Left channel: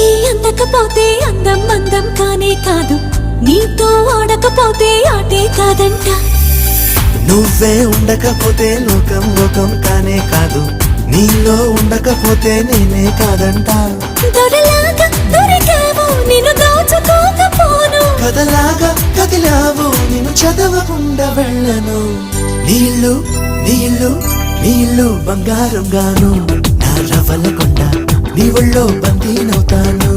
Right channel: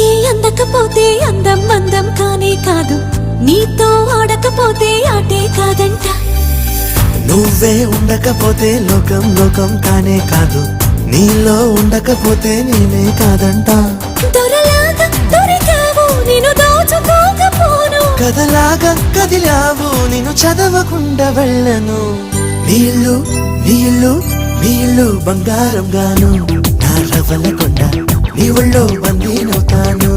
నీకే అందకపోతే అందం అందం కానే కాదు, నీతో ఆడకపోతే ఆటే కాదంట. నువ్వే ఉండకపోతే లోకం లోకం కానే కాదు, నీలో ఉండకపోతే నేనే కాదంట. దొరలాగా దొరికావు నిన్ను దోచుకోకపోను, కథలాగా కదిలావు నిన్ను చదవకుండా వెళ్ళను. నీళ్ళు నీళ్ళు నీళ్ళు బంగారం గాను, నా రవల కొండ నీ ఒళ్ళో బందీనవుతాను.